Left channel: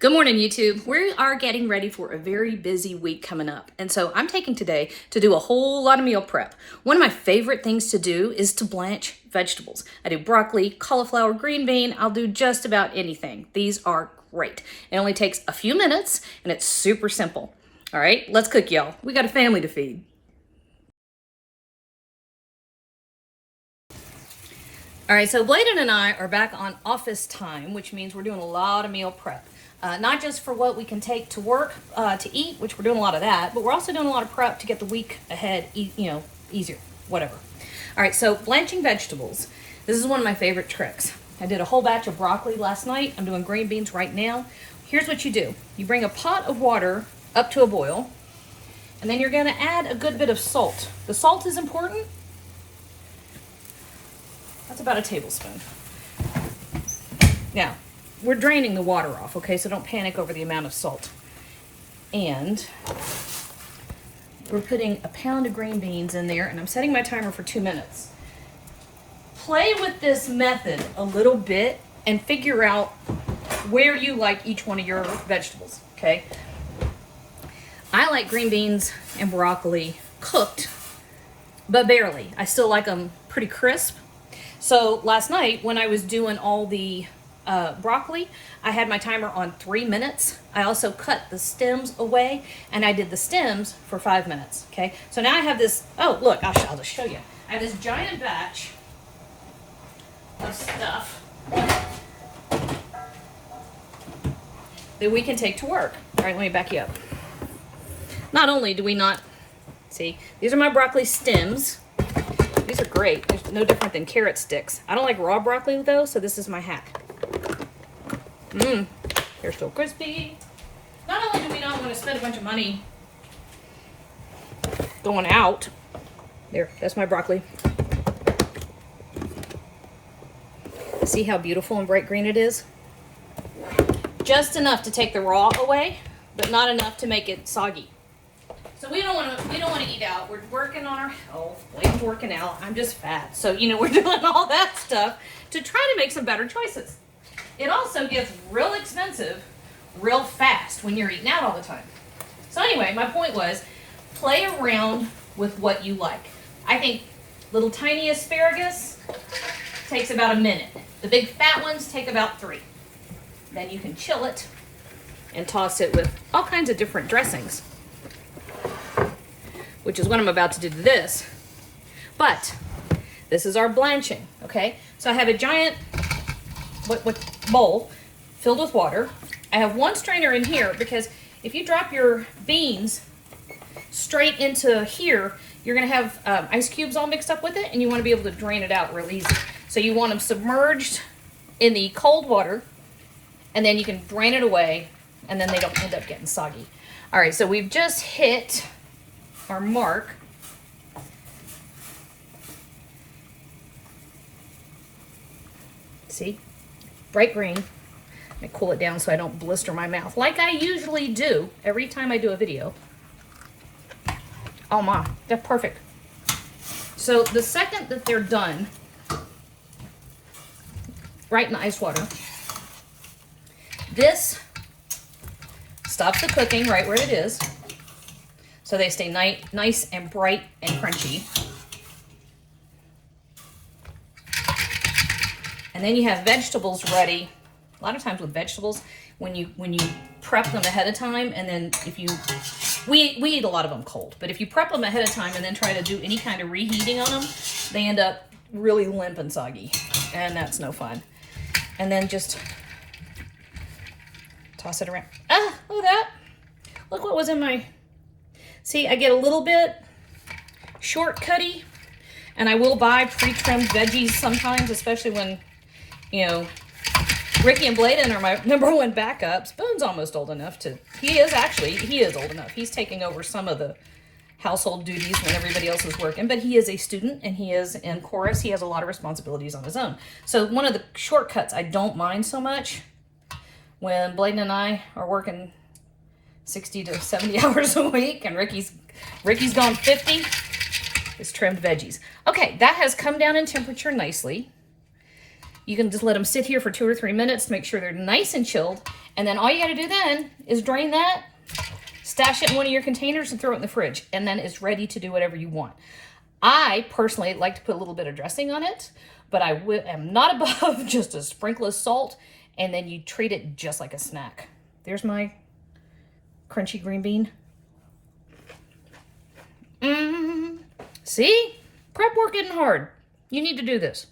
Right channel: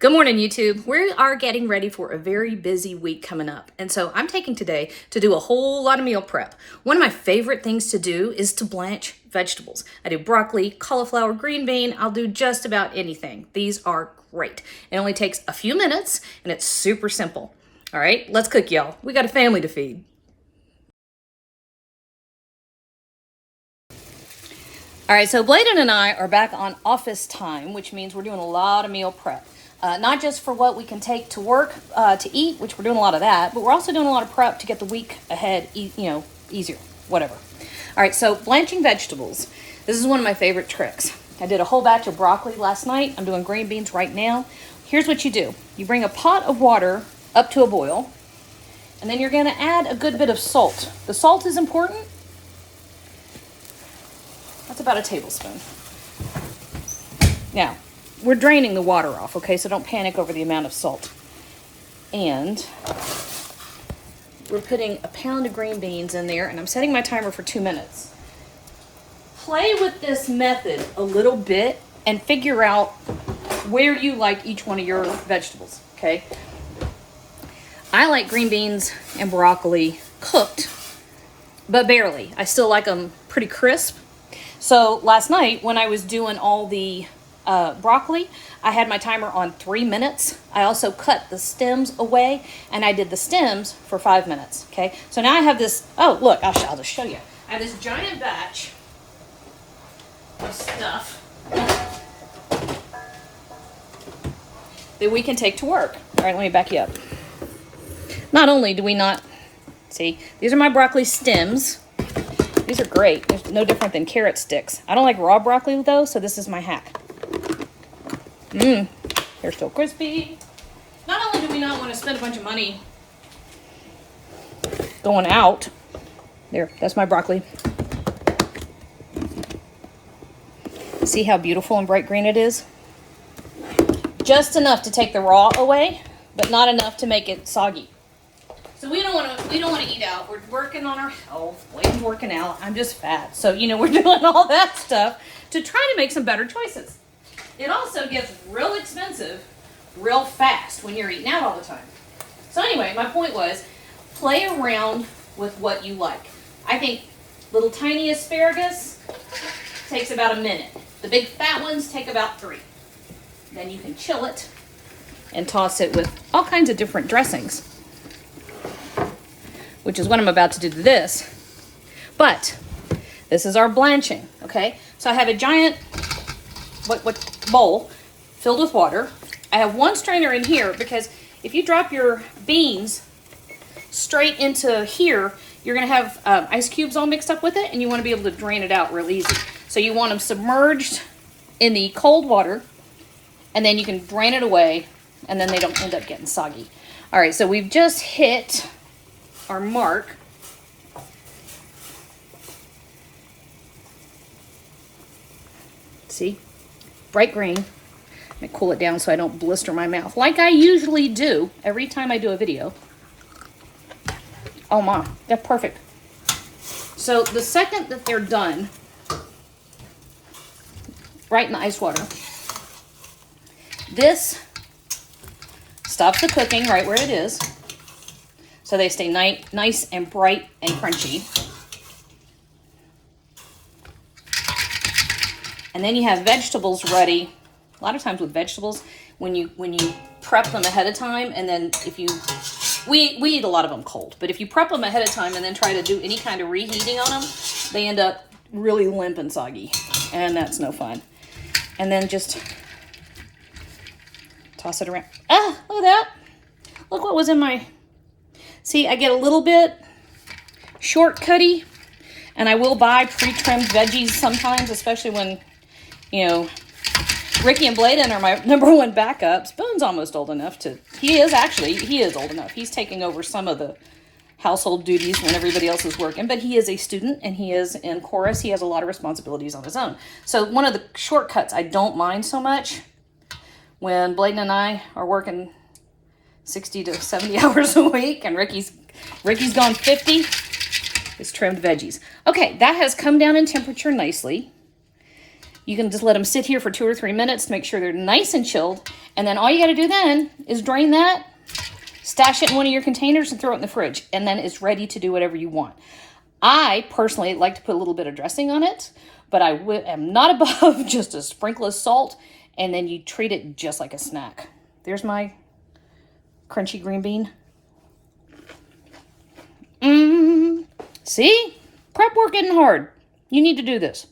Good morning, YouTube. We are getting ready for a very busy week coming up. And so I'm taking today to do a whole lot of meal prep. One of my favorite things to do is to blanch vegetables. I do broccoli, cauliflower, green bean. I'll do just about anything. These are great. It only takes a few minutes and it's super simple. All right, let's cook, y'all. We got a family to feed. All right, so Bladen and I are back on office time, which means we're doing a lot of meal prep. Not just for what we can take to work to eat, which we're doing a lot of that, but we're also doing a lot of prep to get the week ahead, easier, whatever. All right, so blanching vegetables. This is one of my favorite tricks. I did a whole batch of broccoli last night. I'm doing green beans right now. Here's what you do. You bring a pot of water up to a boil, and then you're gonna add a good bit of salt. The salt is important. That's about a tablespoon. Now, we're draining the water off, okay? So don't panic over the amount of salt. And we're putting a pound of green beans in there, and I'm setting my timer for 2 minutes. Play with this method a little bit and figure out where you like each one of your vegetables, okay? I like green beans and broccoli cooked, but barely. I still like them pretty crisp. So last night when I was doing all the broccoli, I had my timer on 3 minutes. I also cut the stems away and I did the stems for 5 minutes, okay? So now I have this, oh look, I'll just show you. I have this giant batch of stuff that we can take to work. All right, let me back you up. Not only do we not, see, these are my broccoli stems. These are great. They're no different than carrot sticks. I don't like raw broccoli though, so this is my hack. They're still crispy. Not only do we not want to spend a bunch of money going out. There, that's my broccoli. See how beautiful and bright green it is? Just enough to take the raw away, but not enough to make it soggy. So we don't want to eat out. We're working on our health. Blake's working out. I'm just fat. So, we're doing all that stuff to try to make some better choices. It also gets real expensive real fast when you're eating out all the time. So anyway, my point was, play around with what you like. I think little tiny asparagus takes about a minute. The big fat ones take about 3. Then you can chill it and toss it with all kinds of different dressings, which is what I'm about to do to this. But this is our blanching, okay? So I have a giant bowl filled with water. I have one strainer in here because if you drop your beans straight into here, you're gonna have ice cubes all mixed up with it, and you wanna be able to drain it out real easy. So you want them submerged in the cold water, and then you can drain it away, and then they don't end up getting soggy. All right, so we've just hit our mark. See? Bright green. Let me cool it down so I don't blister my mouth, like I usually do every time I do a video. Oh my, they're perfect. So the second that they're done, right in the ice water, this stops the cooking right where it is, so they stay nice and bright and crunchy. And then you have vegetables ready. A lot of times with vegetables, when you prep them ahead of time, and then we eat a lot of them cold, but if you prep them ahead of time and then try to do any kind of reheating on them, they end up really limp and soggy, and that's no fun. And then just toss it around. Ah, look at that. Look what was in my, see, I get a little bit shortcutty, and I will buy pre-trimmed veggies sometimes, especially when, Ricky and Bladen are my #1 backups. Boone's almost old enough to, he is old enough. He's taking over some of the household duties when everybody else is working, but he is a student and he is in chorus. He has a lot of responsibilities on his own. So one of the shortcuts I don't mind so much when Bladen and I are working 60 to 70 hours a week and Ricky's going 50, is trimmed veggies. Okay, that has come down in temperature nicely. You can just let them sit here for 2 or 3 minutes to make sure they're nice and chilled. And then all you gotta do then is drain that, stash it in one of your containers and throw it in the fridge. And then it's ready to do whatever you want. I personally like to put a little bit of dressing on it, but I am not above just a sprinkle of salt, and then you treat it just like a snack. There's my crunchy green bean. See? Prep work isn't hard. You need to do this.